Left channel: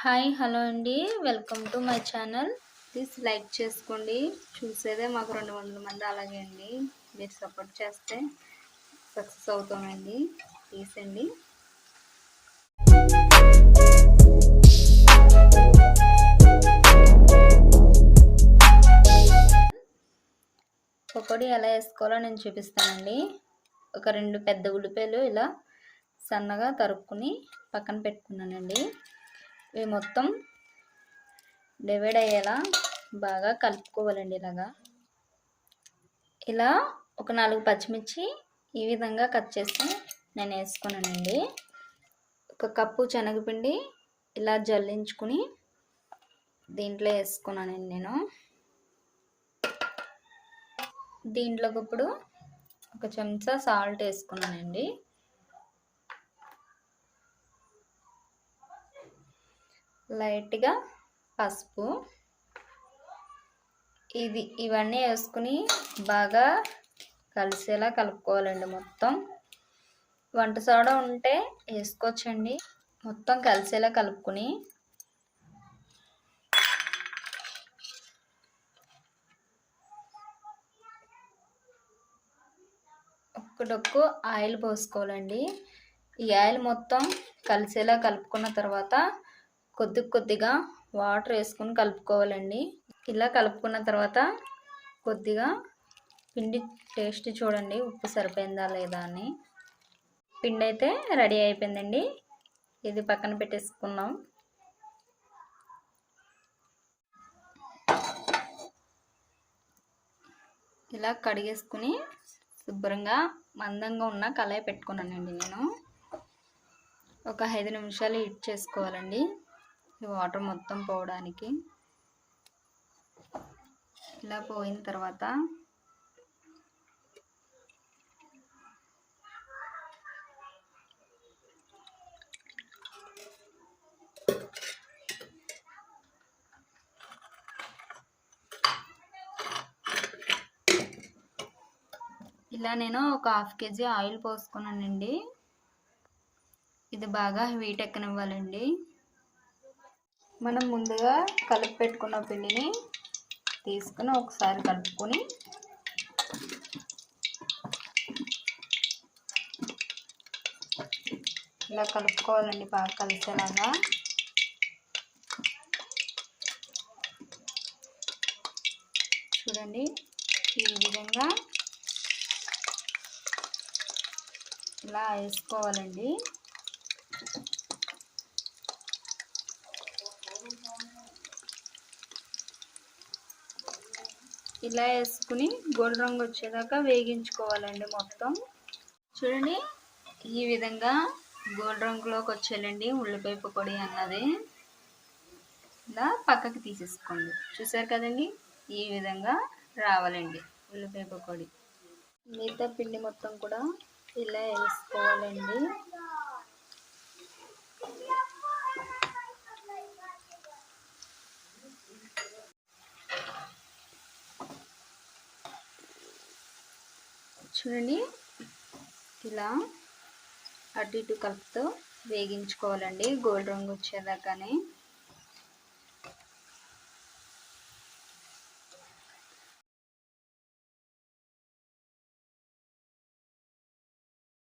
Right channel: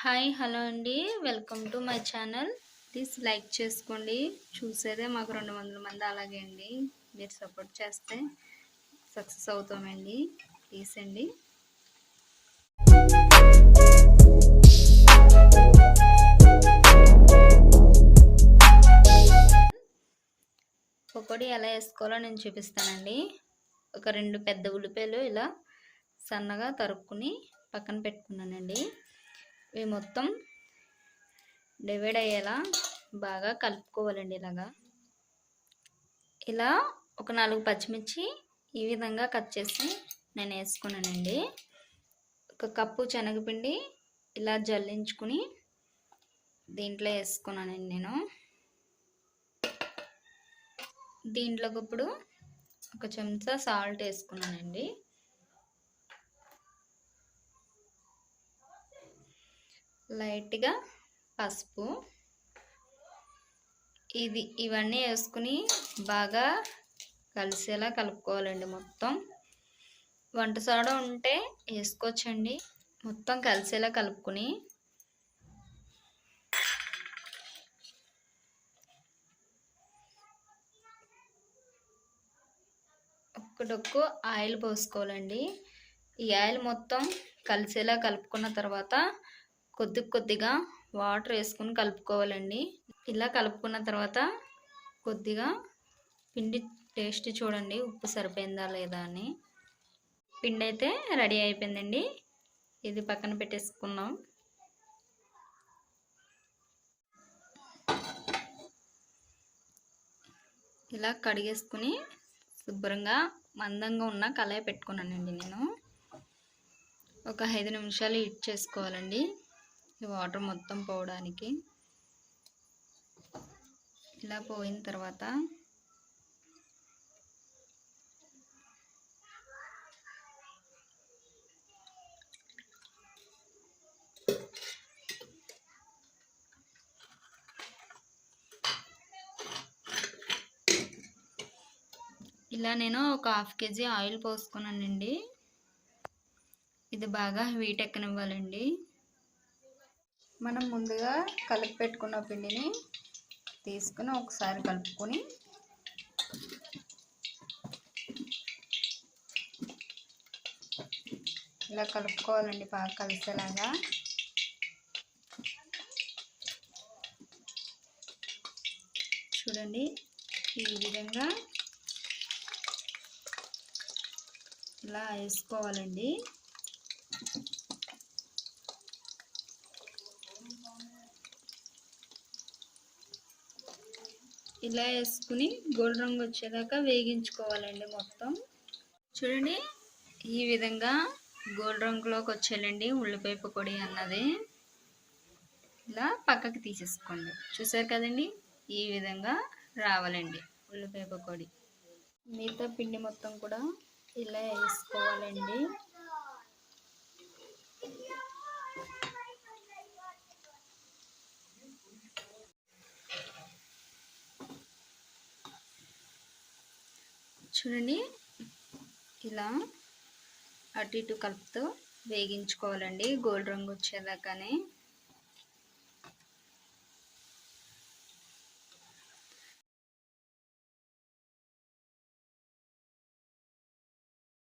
Hi hello అండి, welcome to my channel. Please like చేసుకోండి. చూసేదే మాకు 200 మంది. అలాగే అండి, మీరు సపోర్ట్ చేస్తే సక్సెస్ అవుతామండి. ప్లీజ్ అండి. పకోడీ ఎలా వేసుకోవాలో నేను చూపిస్తానండి. ఒక 2 పెద్ద ఉల్లిపాయలు ఇలా సన్నగా తరుక్కుని పక్కన పెట్టుకున్నానండి. ఇవి మొత్తం డివైడ్ అయ్యేలా బాగా కలుపుకోవాలండి. ఇలా ఒక 4 పచ్చిమిర్చి ఈ విధంగా కట్ చేసి నేను వేసుకున్నానండి. 1 కప్పు శనగపిండి ఇలా జల్లించుకుని దీంట్లో వేసుకున్నానండి. నేను దీంట్లోకి ఇప్పుడు 1 చెంచా సాల్ట్ వేసుకున్నానండి. లైట్గా పసుపు, ఇవన్నీ వేసుకుని బాగా కలిసేలా కలుపుకోవాలండి. మొత్తం వంట సోడా ఉంటే వేసుకోవచ్చండి. మొత్తం కలిసేలా కలుపుకుని ఒక్కడొక్కు ఆయిల్ పోసుకోవాలండి. ఈ ఆయిల్ మొత్తం కలిసేలా కలుపుకున్న తర్వాత కొద్దిగా వాటర్ వేసుకొని కలుపుకోవాలండి. ఇలా కలుపుకున్న తర్వాత కొద్దిగా పిండి టేస్ట్ చూడండి, ఉప్పు సరిపోయిందా లేదా అని. పిండి అయితే రెడీ అయిపోయిందండి. ఇది పక్కన పెట్టేసుకున్నాం. ఇలా కడిగేసుకుని శుభ్రంగా మందంగా ఉన్న కళాయి పెట్టుకున్నానండి. నేను ఒక 5 నిమిషాలు హీట్ చేసుకోవాలండి, ఈ వాటర్ మొత్తం పోవడానికి. ఇలా పోయిన తర్వాత ఇలా నేను ఒక 1/2 kg ఆయిల్ పోసుకున్నానండి. ఇది బాగా హీట్ ఎక్కనివ్వాలండి. మనం ముందుగా కలిపి పెట్టుకున్న పిండిని తీసుకుని ఒకసారి కలుపుకొని ఇలా కలుపుకోవాలండి, బాగా కలిసేలాగా. చూడండి, ఈ విధంగా ఇలా వేసుకోవాలండి. ఇలా వేసుకుని గోల్డ్ రంగు వచ్చేదాకా వేగించుకోవాలండి. మొత్తం చూడండి, ఈ విధంగా గోల్డ్ రంగులోకి వచ్చేయాలండి ఉల్లిపాయ పకోడీ అన్నది. ఇలా పక్కకి తీసేసుకోండి. చూసారు కదండి, ఈ విధంగా రావాలండి ఉల్లిపాయ పకోడీ. మిగతా పిండి మొత్తం కూడా ఇలా వేసుకోవాలండి. చూడండి, ఇలా అటు ఇటు కలుపుతూ వేగించుకోవాలండి గోల్డ్ రంగు వచ్చేదాకానే.